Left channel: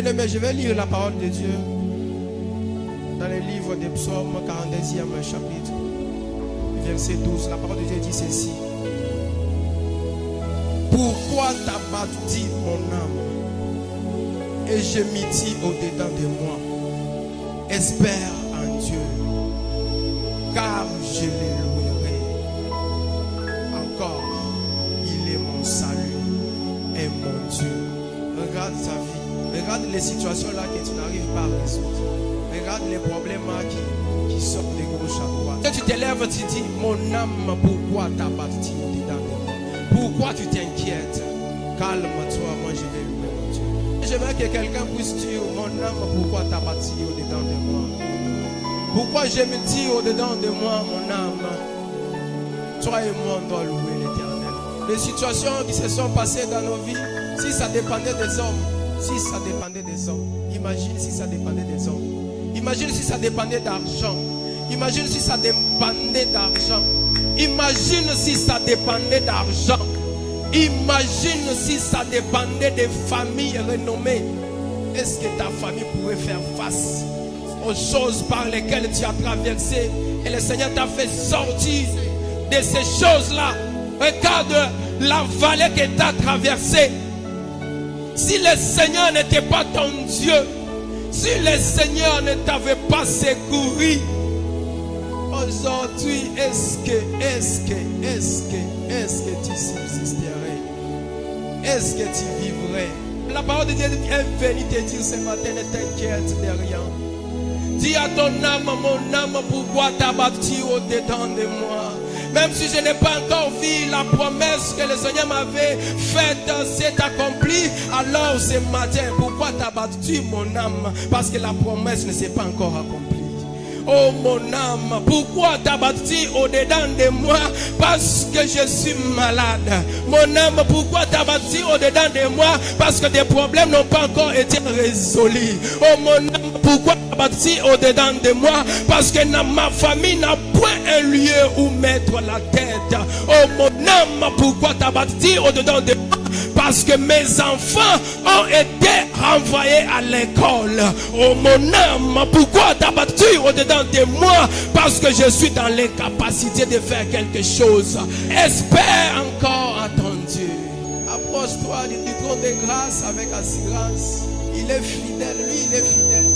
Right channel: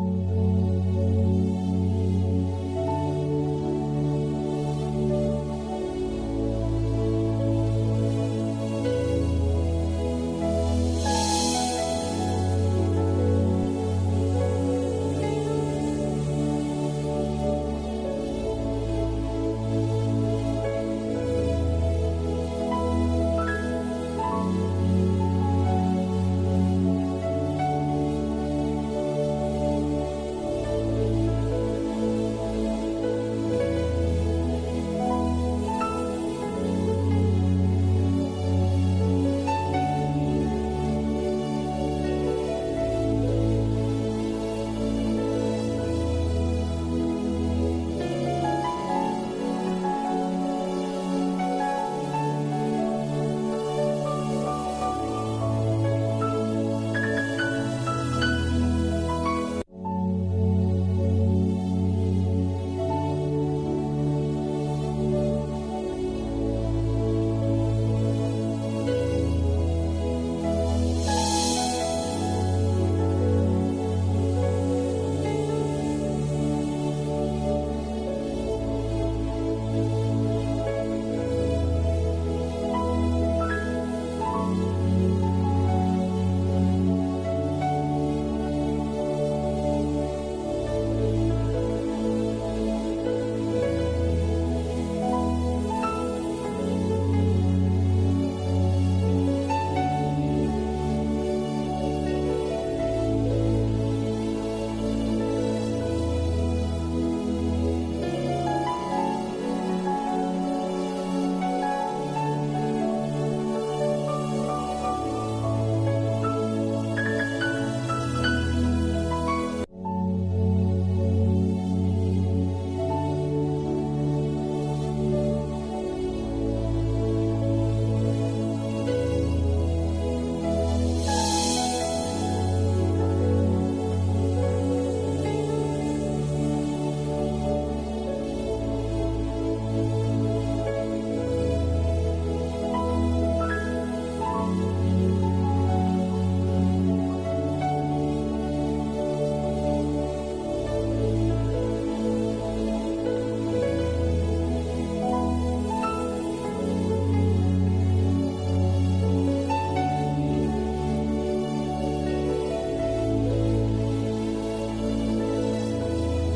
Bien-aimé, je vais lire la parole de Dieu dans le livre des psaumes, 42e chapitre, verset 12. La parole de Dieu dit ceci. Pourquoi t'abattis mon âme et gémis-tu au-dedans de moi? Espère en Dieu, car je le louerai. Encore, il est mon salut et mon Dieu. Regarde ta vie, regarde les situations là que tu n'arrives pas à résoudre. Regarde les problèmes qui sortent de gauche à droite. Quand tu te lèves, tu dis, mon âme, pourquoi t'abattis au-dedans de moi? Pourquoi tu t'inquiètes? Calme-toi, moi je vais louer mon Dieu. J'aimerais que quelqu'un puisse dire, mon âme, pourquoi t'abattis au-dedans de moi? Pourquoi je me dis au-dedans de moi, mon âme? Toi et moi, on doit louer l'Éternel. Les situations qui se sont passées dans nos vies, si ça dépendait des hommes, imagine si ça dépendait des hommes. Imagine si ça dépendait d'argent. Imagine si ça dépendait d'argent. Imagine si ça dépendait d'argent. Imagine si ça dépendait des familles renommées. Est-ce que ta famille pouvait faire face aux choses par lesquelles tu as traversé et le Seigneur t'a fait sortir de ces choses-là? Regarde la vallée que tu as traversée. Si le Seigneur n'était pas ton Dieu, si le Seigneur ne t'avait pas secouru, aujourd'hui, est-ce que tu subsisterais? Est-ce que tu vivrais? La parole de Dieu est venue te dire ce matin, ne t'inquiète de rien. Dis à ton âme, mon âme, pourquoi t'as battu au-dedans de moi? Même si je n'ai pas encore vu la promesse que le Seigneur m'avait faite s'est accomplie, alors ce matin, pourquoi t'as battu mon âme? Parce que la promesse ne s'est pas encore accomplie. Oh mon âme, pourquoi t'as battu au-dedans de moi? Parce que je suis malade. Mon âme, pourquoi t'as battu au-dedans de moi? Parce que des problèmes n'ont pas encore été résolus. Oh mon âme, pourquoi t'as battu au-dedans de moi? Parce que ma famille n'a point un lieu où mettre la tête. Oh mon âme, pourquoi t'as battu au-dedans de moi? Parce que mes enfants ont été renvoyés à l'école. Oh mon âme, pourquoi t'as battu au-dedans de moi? Parce que je suis dans l'incapacité de faire quelque chose. Espère encore à ton Dieu. Approche-toi du trône de grâce avec assurance. Il est fidèle, lui il est fidèle.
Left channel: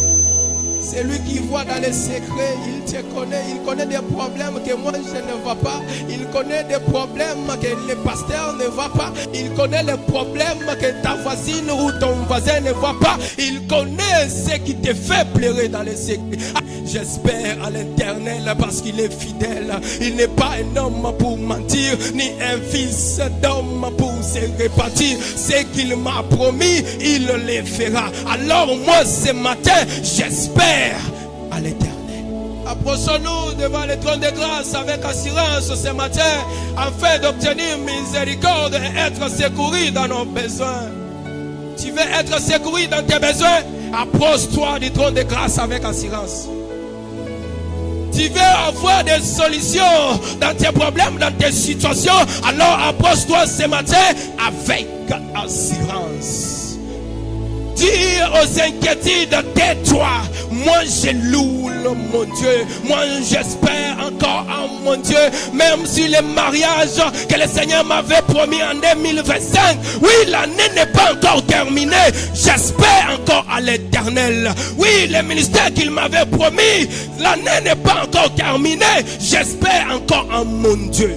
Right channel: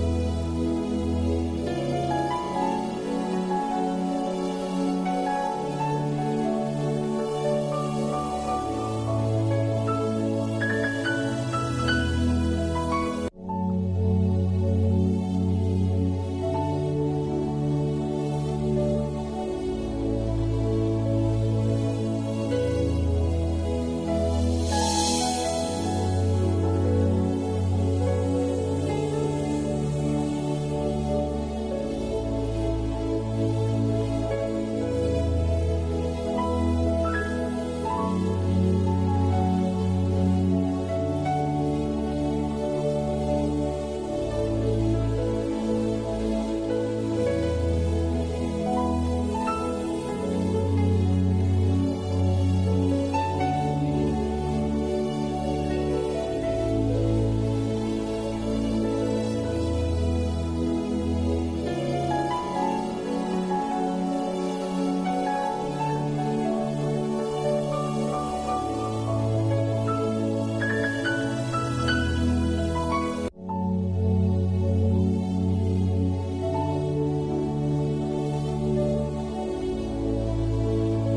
C'est lui qui voit dans les secrets, il te connaît, il connaît des problèmes que moi je ne vois pas, il connaît des problèmes que le pasteur ne voit pas, il connaît les problèmes que ta voisine ou ton voisin ne voit pas, il connaît ce qui te fait pleurer dans les secrets. J'espère à l'Éternel parce qu'il est fidèle, il n'est pas un homme pour mentir, ni un fils d'homme pour se répartir. Ce qu'il m'a promis, il le fera. Alors moi ce matin, j'espère à l'Éternel. Approchons-nous devant le trône de grâce avec assurance ce matin, afin d'obtenir miséricorde et être secouru dans nos besoins. Tu veux être secouru dans tes besoins? Approche-toi du trône de grâce avec assurance. Tu veux avoir des solutions dans tes problèmes, dans tes situations, alors approche-toi ce matin avec assurance. Dis aux inquiétudes, tais-toi. Moi je loue mon Dieu. Moi j'espère encore en mon Dieu. Même si le mariage que le Seigneur m'avait promis en 2025, oui, l'année n'est pas encore terminée, j'espère encore à l'Éternel. Oui, le ministère qu'il m'avait promis, l'année n'est pas encore terminée, j'espère encore en mon Dieu.